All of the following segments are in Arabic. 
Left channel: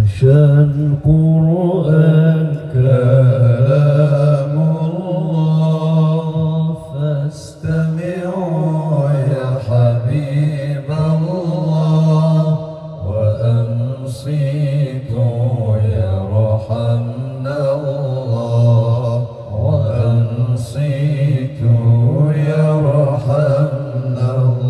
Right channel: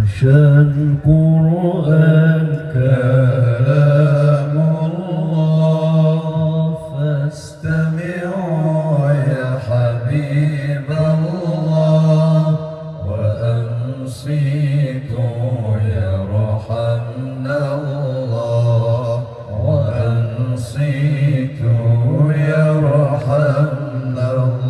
شان القرآن كلام الله فاستمعوا يا حبيب الله وأنصتوا يرحمنا الله وأنصتوا يرحمنا الله.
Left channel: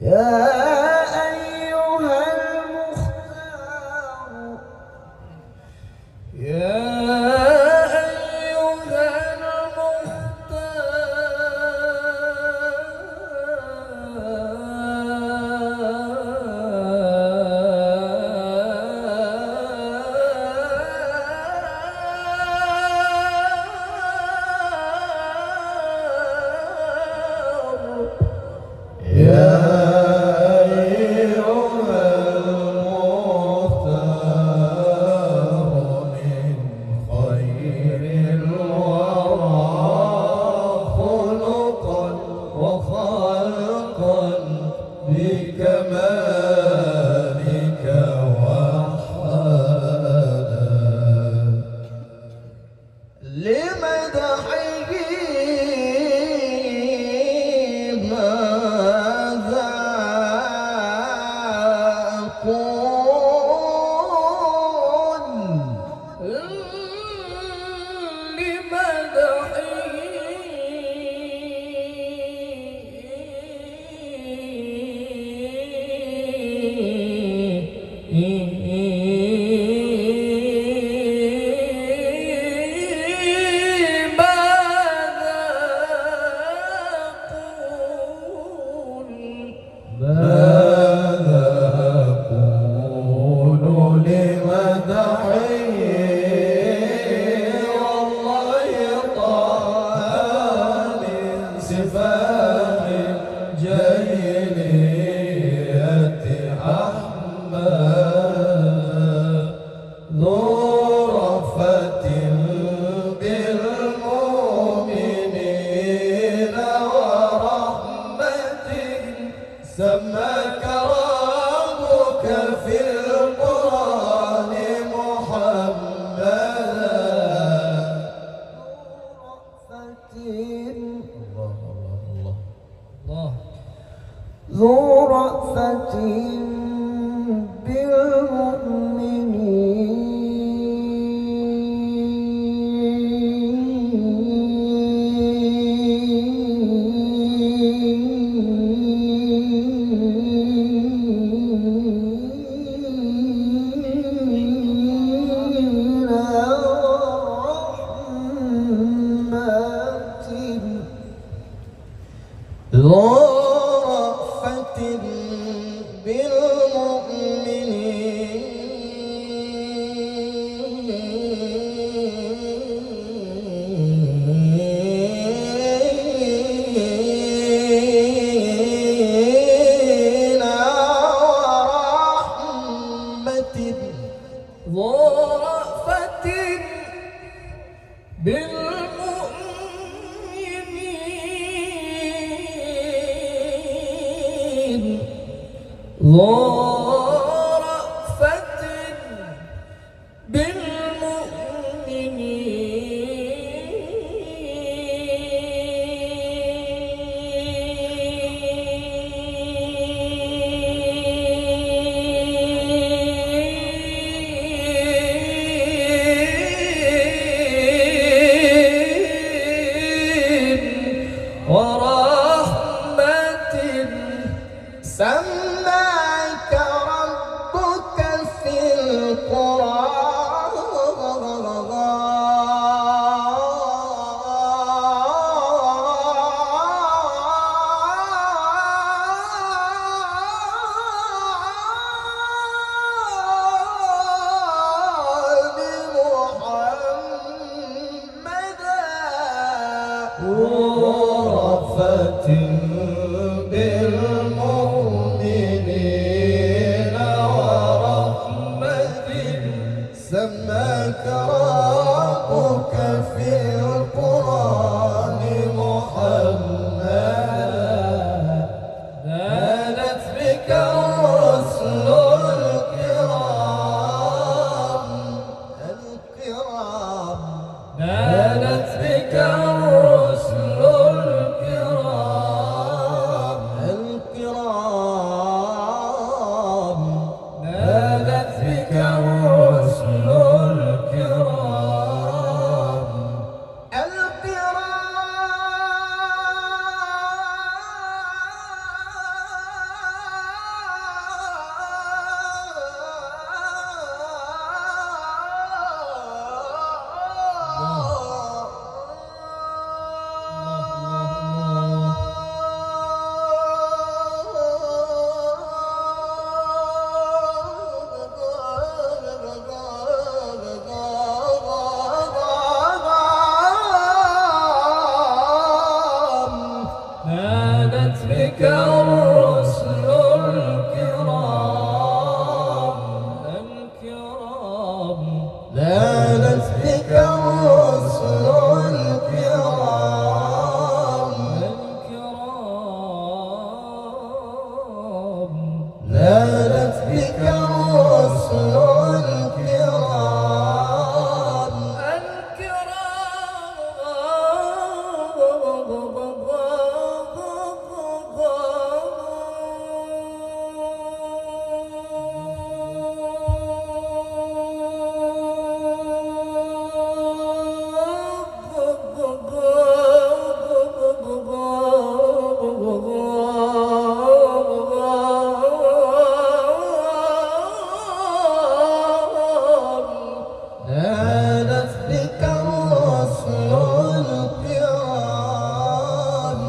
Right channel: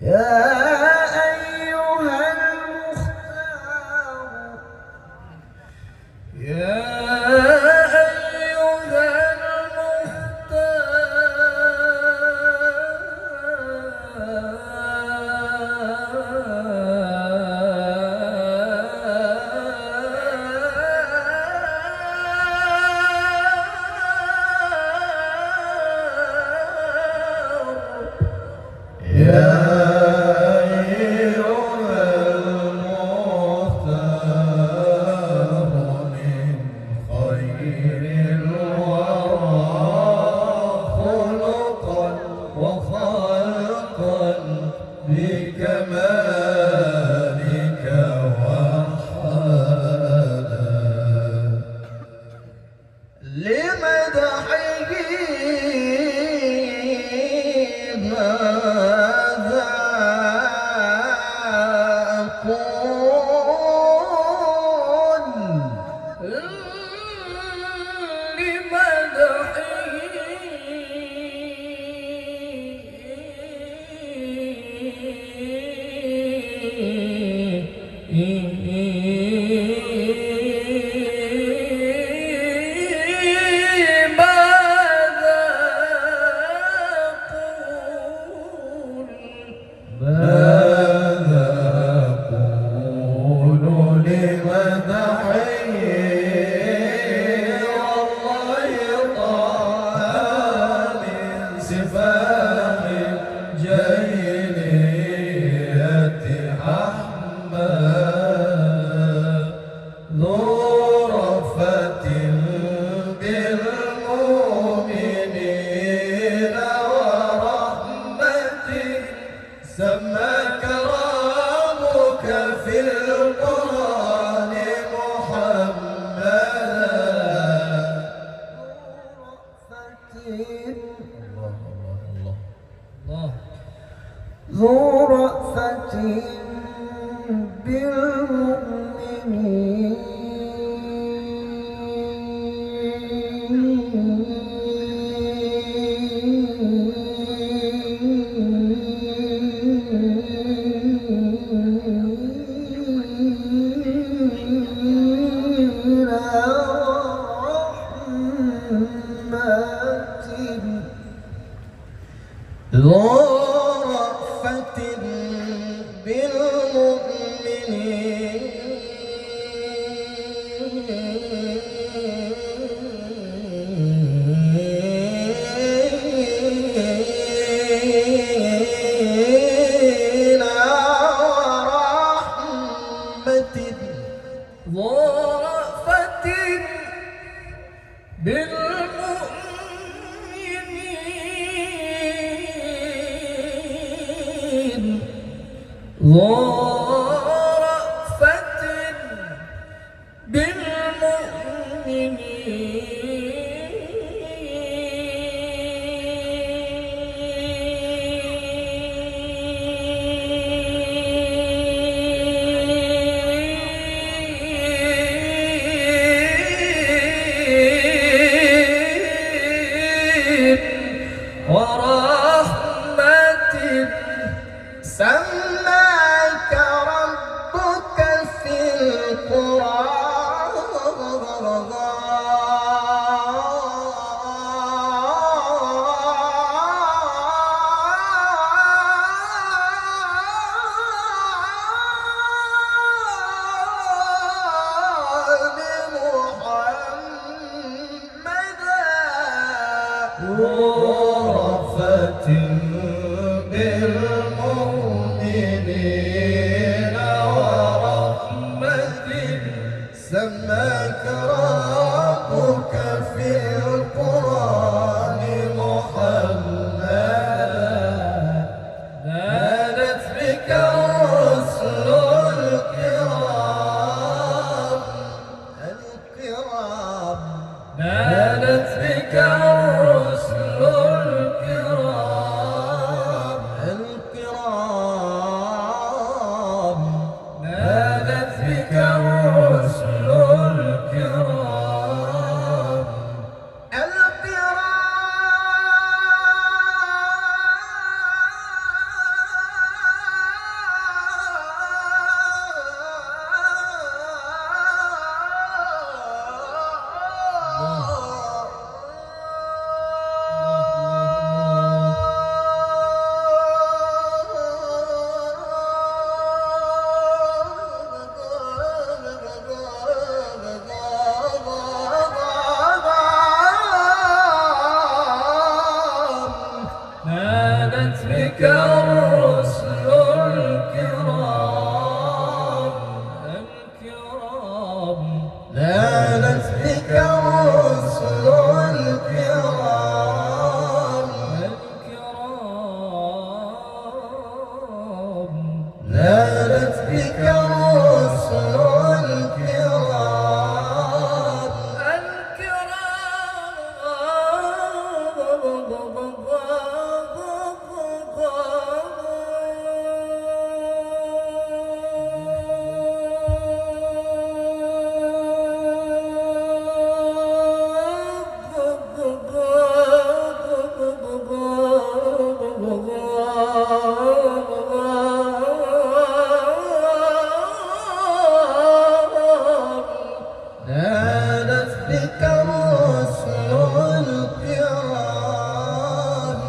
يا أيها المختار يا أيها بكمالك وحالا لمدحه ماذا أقول ماذا أقول لمدحه والله طه من سفاح الجاهلية أحمد ذو رأفة بالمؤمنين ورحمة سماك ربك في القرآن محمدا ذو رأفة بالمؤمنين ذو رأفة بالمؤمنين ورحمة ذو رأفة بالمؤمنين ذو رأفة بالمؤمنين ورحمة سماك ربك في رأفة بالمؤمنين ورحمة سماك ربك في القرآن محمدا نادت بك الرسل الكرام نادت بك الرسل الكرام نادت بك الرسل نادت بك الرسل الكرام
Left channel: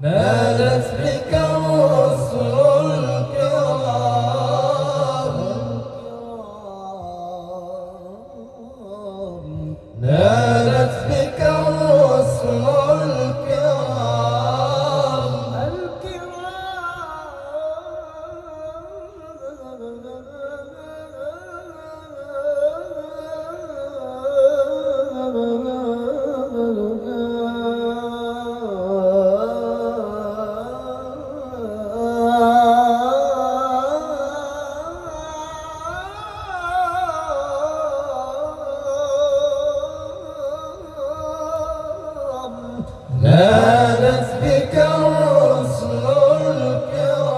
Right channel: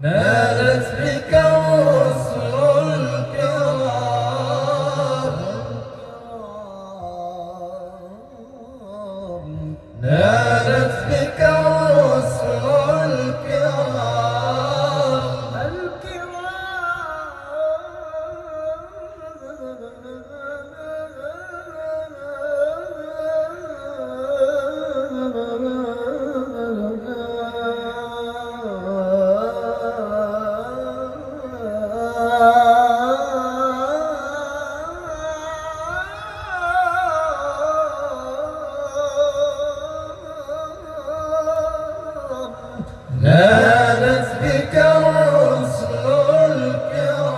نادت بك الرسل الكرام نادت بك الرسل نادت بك الرسل الكرام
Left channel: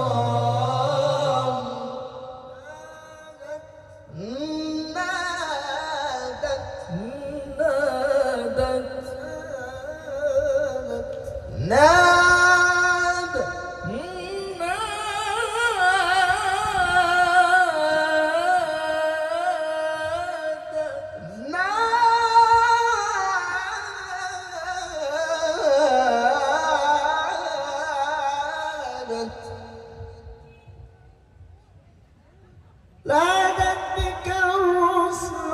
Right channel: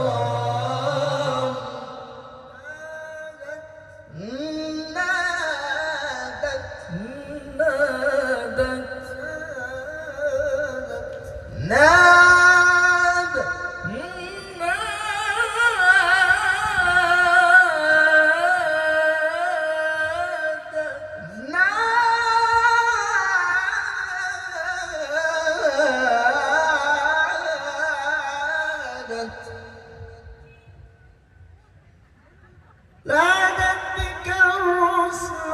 نادت بك الرسل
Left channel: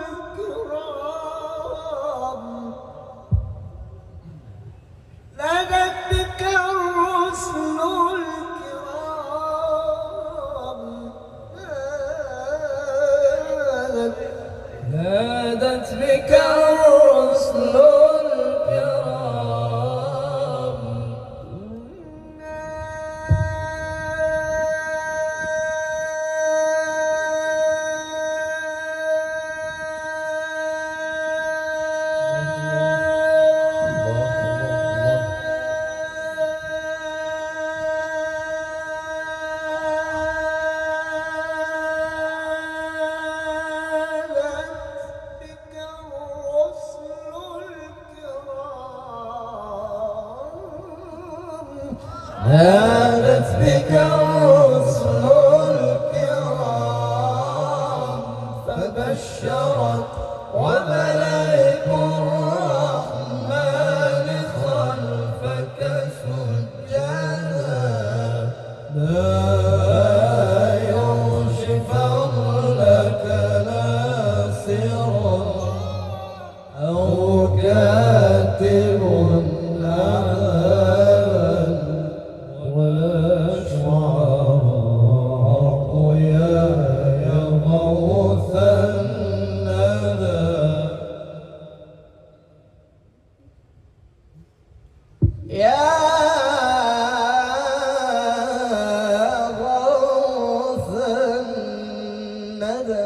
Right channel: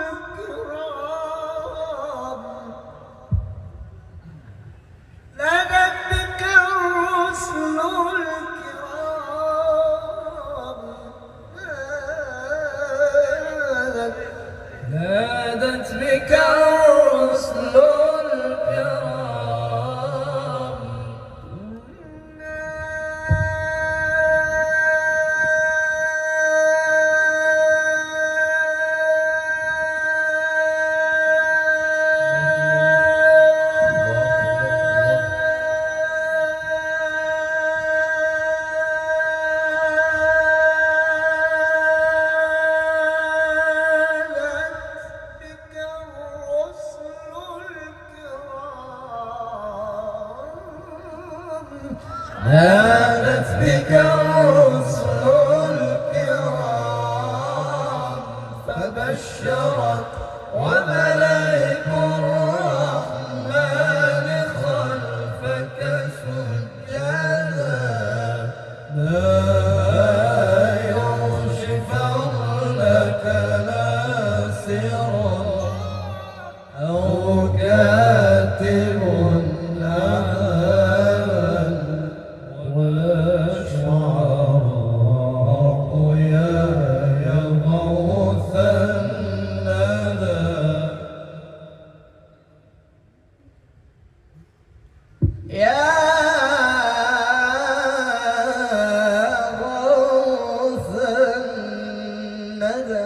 الكرام نادت بك الرسل الكرام نادت بك الرسل الكرام نادت بك الرسل الكرام فبشرت وملائك الرحمن خلفك سجدا لا يرشفن لك ناصرا أو كاتب ولا شعراء يا غوث الندى يا غوث الندى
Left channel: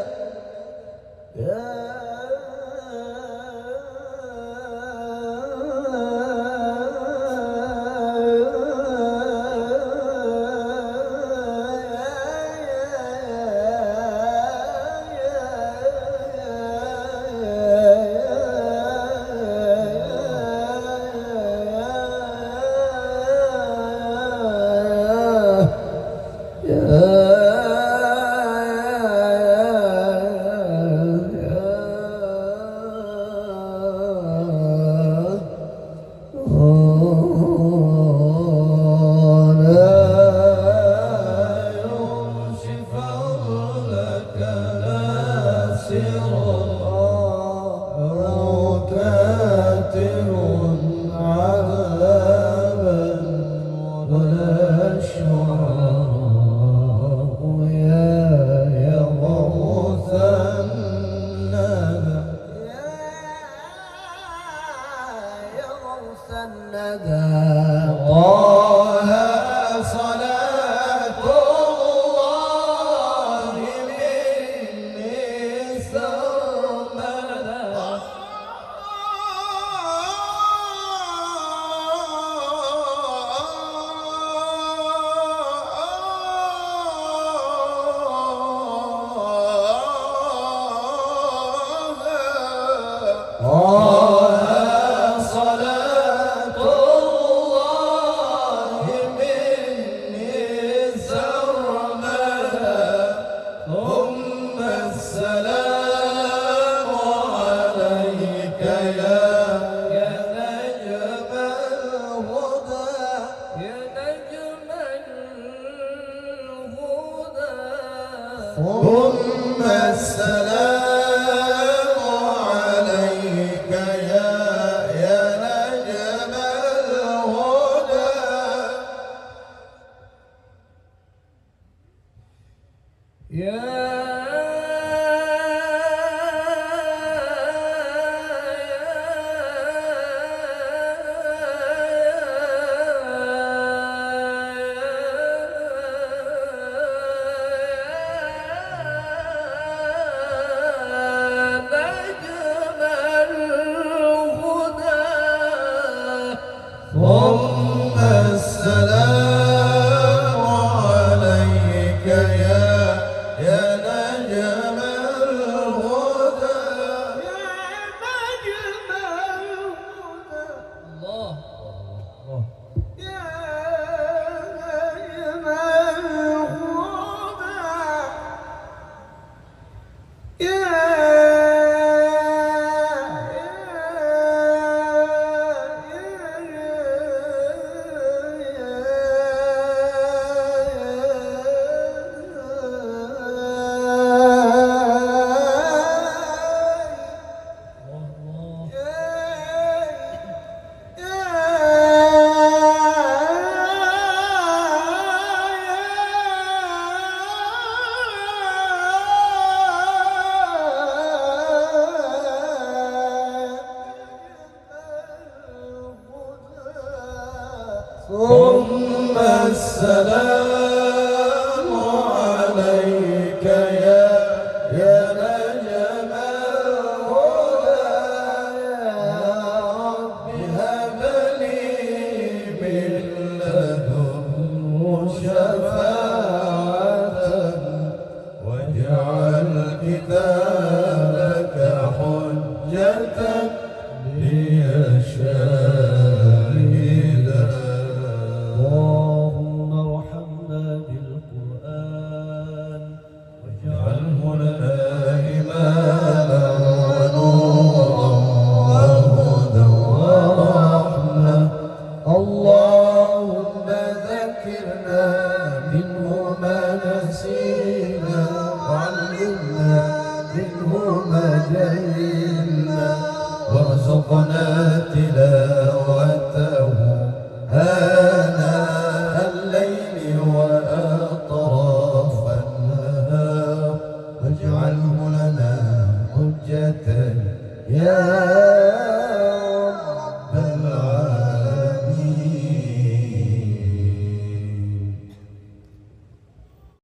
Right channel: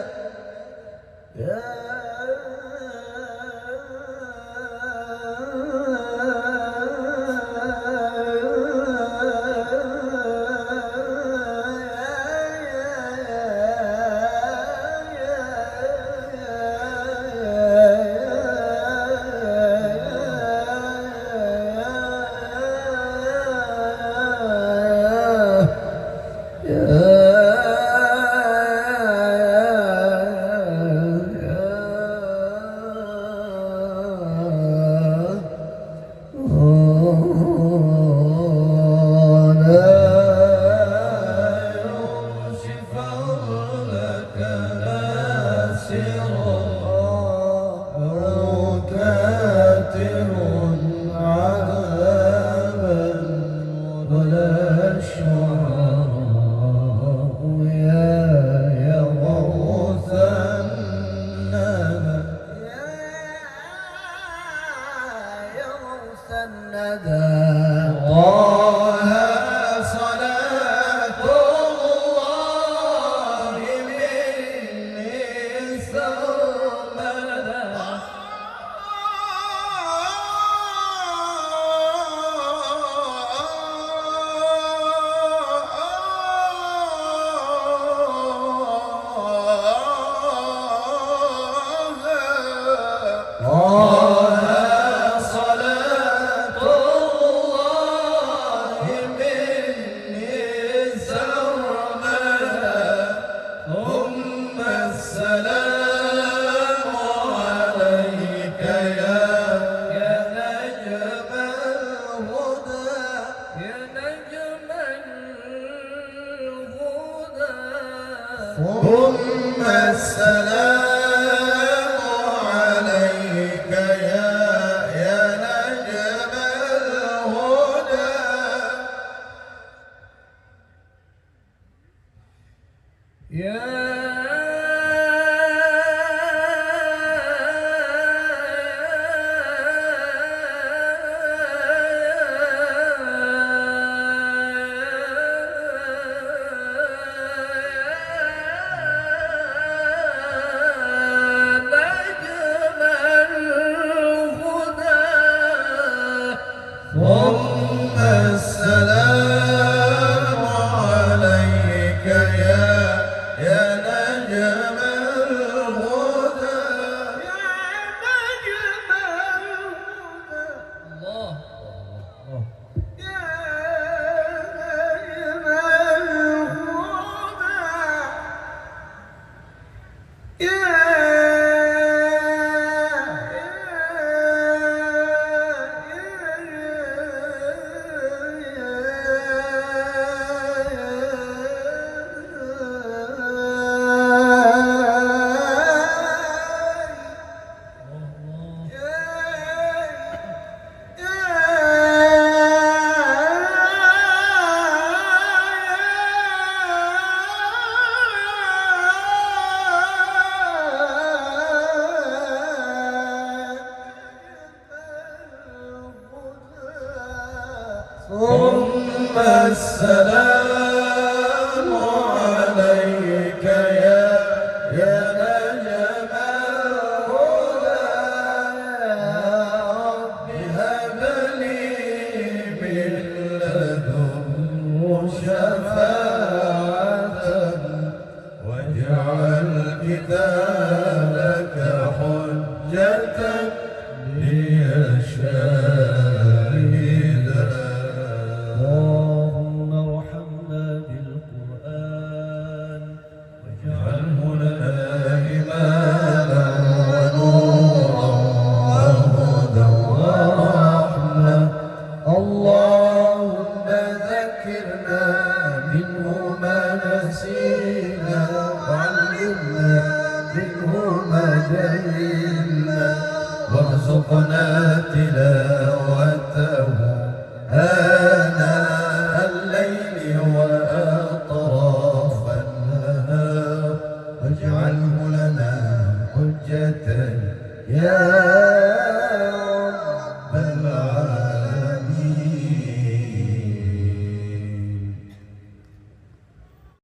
كاتب عدل عذابا ولا الشعراء يا غوث الندى يا غوث الندى طه صلاة الله مني سرمدا ثم السلام عليك يا نجم الهدى ثم السلام عليك يا نجم الهدى يا نجم الهدى الله يا نجم الهدى ثم السلام عليك يا نجم الهدى يا رب هب لي من لدنه شفاعة واجعل كتابك حجة لي شاهدا اللهم ارحمنا بالقرآن واجعله لنا إماما ونورا وهدى ورحمة الله